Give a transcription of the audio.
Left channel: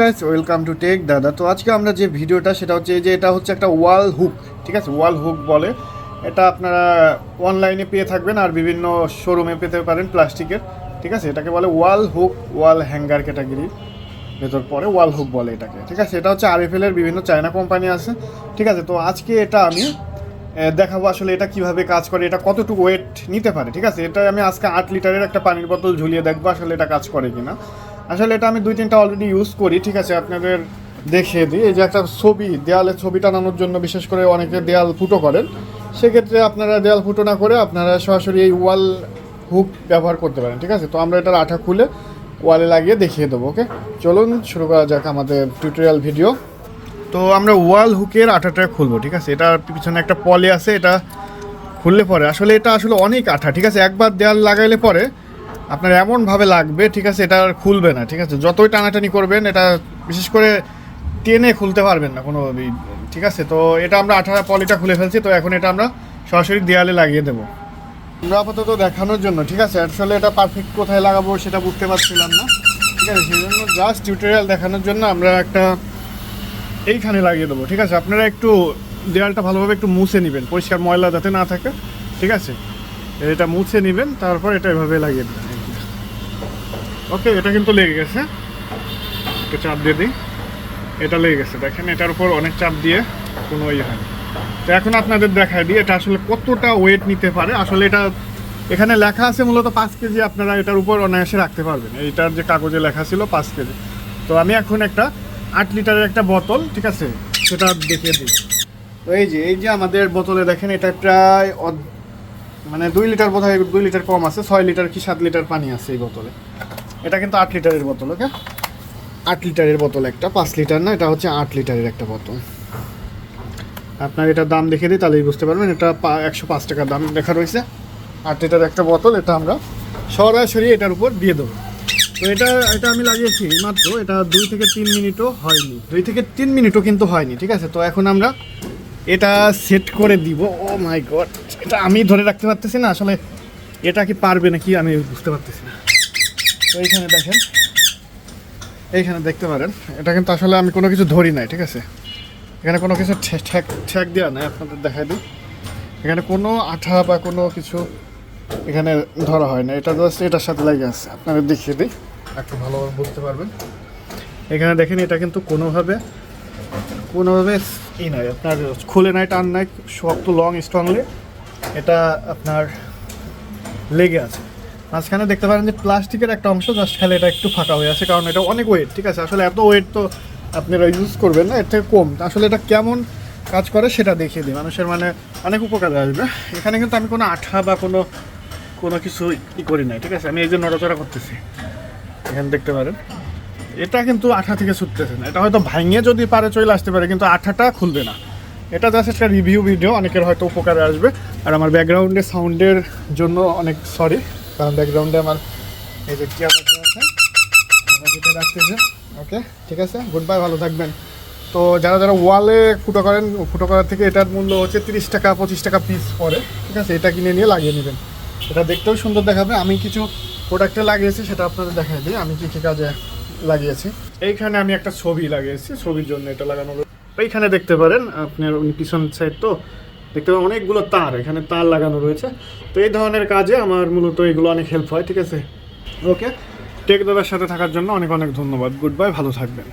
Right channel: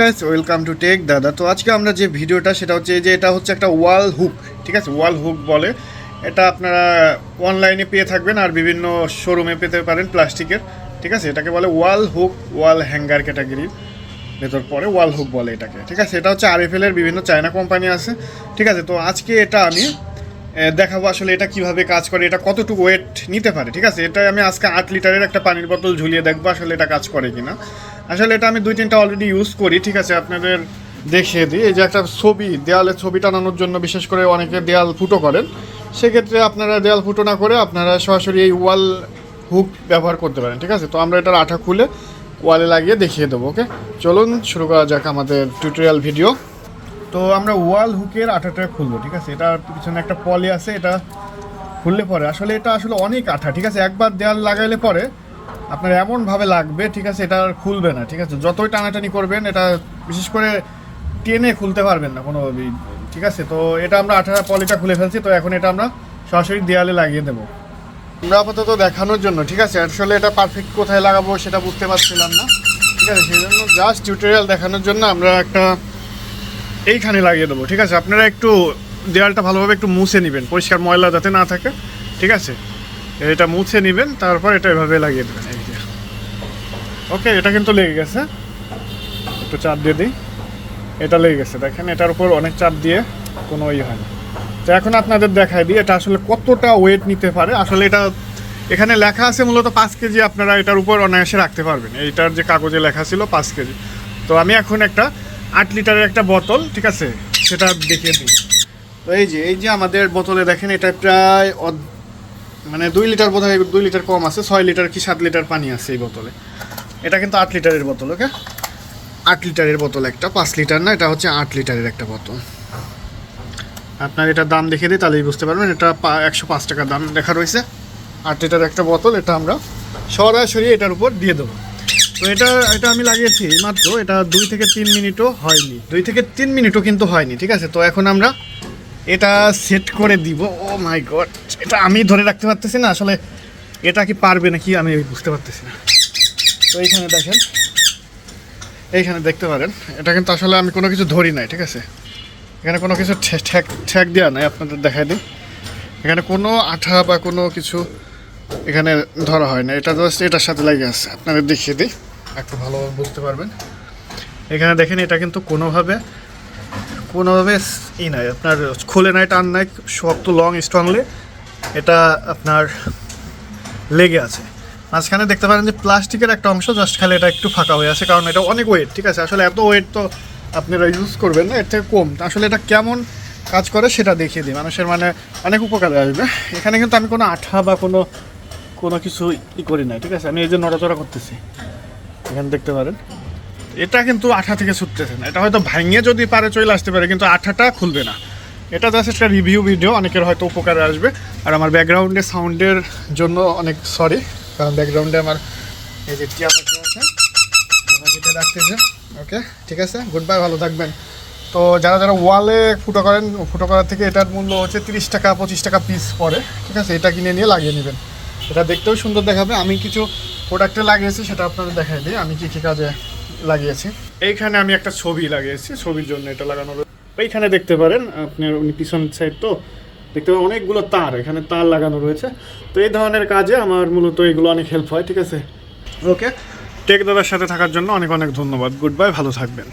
Guys welcome to take দাদা। তো আজকে আমরা যে ভিডিওটা সেটা হচ্ছে যে এটা হচ্ছে একটা ওয়াল হুক, ঠিক আছে? ওয়াল হুক বলে এটা। আপনারা অনলাইনে পেয়ে থাকবেন আর বিভিন্ন শোরুমে পেতে পারেন প্লাস্টিকের, ঠিক আছে? এটাকে বলে ওয়াল হুক, ওয়াল হ্যাঙ্গার ক্যাটাগরির ভেতর পরে ওয়াল হুক বলে এটাকে, ঠিক আছে? এটা হচ্ছে আরএফএল এর বিভিন্ন চায়না কোম্পানি আছে, ঠিক আছে? তো আজকে এটা আমি দেখাবো আসলে এটা কিভাবে কাজ করে, এটা কতটুকু ওয়েট নিতে পারে, ঠিক আছে? এটা আমি আজকে 8 লিটারের একটা পানির বোতল ঝুলিয়ে দেখবো আসলে এটা কাজ করে কিনা। আসলে এটা আমি 2-3টা অলরেডি ইউজ করি, ঠিক আছে? আপনাদের দেখিয়ে দিই। এই যে একটা ছবি, দেয়ালে ছবি টানানোর জন্য বিশেষ করে অনেকে দেয়াল ফুটো করে, সেক্ষেত্রে আপনারা দেয়াল ফুটো না করে আপনারা সরাসরি এই ওয়াল হুক ব্যবহার করতে পারেন, ঠিক আছে? তো আমরা এটার আঠা খুলে ওয়ালে লাগিয়ে দেখিয়ে দেবো। ওকে, চলুন শুরু করা যাক আমাদের টিউটোরিয়াল ভিডিও। তো আমরা ওয়াল হুকের আঠাটা খুলবো, ঠিক আছে? এটার পিছনে একটা পলি আছে, এটা খুললে পরে আসলে এটা আসলে অনেক আঠা, ঠিক আছে? একবার দেয়াল লাগাইলে পরে আপনার এমনভাবে লাগবে, ঠিক আছে? এটা আর খুলবে না, ঠিক আছে? যতই টানাটানি করবেন এটা বিশেষ করে টেনে খুলতে পারবেন না কোনোভাবেই, ঠিক আছে? তো এটা আমরা আঠা পলিটা খুলে ফেলছি, তো এখন এটা আমরা সরাসরি দেয়ালে লাগিয়ে দেবো আমরা আপাতত দেখানোর জন্য, ঠিক আছে? আসলে এটা পারফেক্ট কোথায় লাগাবো সেটা বুঝতে পারছিলাম না, ঠিক আছে? সেই জন্য জাস্ট টিউটোরিয়াল দেখানোর জন্য আমরা একটা এইখানে লাগিয়ে দেবো, ঠিক আছে? আপনারা একটু দেয়ালটা ভালোভাবে একটু মুছে নেবেন, পরিষ্কার ময়লা যাতে না থাকে, ঠিক আছে? এটা মুছে নেবেন, তারপর এটা এভাবে লাগিয়ে দেবেন। ওকে, এটা কিন্তু লেগে গেছে, একটু চাপ দিয়ে দিই। এটা লেগে গেছে, দেখেন এটার উপর অনেক চাপ দিয়ে কোনো ইয়ে হয়। তো এখন আপনাদের দেখাই দিই এটা আসলে কতটা ওয়েট নিতে পারে। আসলে এটা এখানে লেখা আছে মূলত 5 কেজি, আপনারা এটার উপর অনায়াসে রাখতে পারবেন। এইটার যে কাগজে লেখা ছিল 5 কেজি। তো আমি এখন একটা 8 লিটারের একটা বোতল, ঠিক আছে, সেটা দেখিয়ে দিই। তো এই যে আমাদের বোতলে দেখেন এটা প্রায় মানে 2 লিটার বোধহয়, 2 লিটার কম আছে, 6 লিটার কি 7 লিটার পানি আছে এই বোতলে। এটা কিন্তু 8 লিটারের বোতল। ওকে, 8 লিটারের বোতল একটা, 5 লিটার না, এটা হচ্ছে 8 লিটারের একটা বোতল। আপনার এটার দাম দেখে নিই তাহলেই বুঝতে পারবেন। এটা 105 টাকা দাম লেখা রয়েছে। 8 লিটার একটা বোতল, এটা আমরা সরাসরি এটার উপর দিয়ে দেবো। তো এটা আমি লাগিয়েছি মাত্র, এটা 2 থেকে 3 মিনিটও হয়নি, 2 থেকে 3 মিনিটও কিন্তু হয়নি, ঠিক আছে? তো এখন আমরা এটা সেট করে দিব। ও মাই গড, এটা আমি ধরে রাখতে পারতেছি না আসলে, এটা কি পারবে নাকি আমি বুঝতে পারতেছি না। তো এইখানে দেখেন, এইখানে দেখতে পারেন এটা কিন্তু আসলে আমি কোনো কিছু ধরি নাই, ঠিক আছে? এখানে কোনো কিছু ঠেক দেওয়া নাই, আপনাদের দেখাই দিই। এখানে কোনো আঠা বা কোনো কিছু এখানে ধরা হয় না, এটা জাস্ট এটার সাথে লেগে আছে। আপনাদের দেখিয়ে দিই, একটু ভালোভাবে বুঝতে পারবেন। এখানে দেখেন এটা কিন্তু কোনোভাবে ই নাই, আপনার খুলে নাই, টান নাই, শক্ত লং স্ট্রংলি এটা আপনার লেগে আছে। মাঝখানে দেখতে পারেন যে প্লাস্টিকের একটা অংশ জাস্ট খালি এটা একটু ফাঁকা হয়ে আছে, কারণ এটা অনেক ওয়েট, ঠিক আছে? আসলে এত ওয়েট তো আপনারা ইউজ করবেন না, এর থেকে কম। তো আসলে এটা কেমন কাজ করে সেটা দেখিয়ে দিই, মানুষের মানে অনেক উপকারে আসবে। এখানে কিন্তু আমি কোনো আঠা বা কোনো কিছু করি নাই, ঠিক আছে? আমি এই যে নড়াচড়া করতেছি, এখানে দেখতে পারেন এটা কিন্তু আঠা থেকে ছুটতেছে না। এটা হয়তো ভাঙিয়ে যদি পারে চলে আসতে পারে, কিন্তু আঠাটা খুলবে না। এটা জাস্ট একটা রিভিউ ভিডিও, অনেকের হয়তো উপকারে আসবে। আর আমার ব্যাকগ্রাউন্ডে সাউন্ডের জন্য অনেক সরি, কারণ ব্যাকগ্রাউন্ডে আমার এই যে টিয়া পাখি রাখতেছে। ওকে, ঠিক আছে, গুড বাই, ভালো থাকবেন। তো যারা ওয়ালে ফুটো করার থেকে এটার মূল্য হচ্ছে 30 টাকা 25 টাকা পিস পরে, ঠিক আছে? এটা কিনে নিয়ে লাগিয়ে নেবেন, এটা দেখতেও সুন্দর দেখাবে। আমি কিছু প্রোডাক্টে লাগিয়েছি, সেটা আপনাদের দেখাই দিই আমি কী কাজে লাগিয়েছি। এইখানে আমি একটা ছবি লাগিয়েছি, ছবির জন্য এটা লাগানো। এইখানে দেখতে পারেন আপনার পিছন সাইড, তো দেখতে পারেন অনেকগুলো তার, এখানে তার লাগানো রয়েছে। তো এই ধরনের কাজে আমার মূলত এগুলো অনেক হেল্প হয়, ঠিক আছে? ওকে, টেক দাদার সাথে থাকার জন্য অনেক ধন্যবাদ। গুড বাই, ভালো থাকবেন।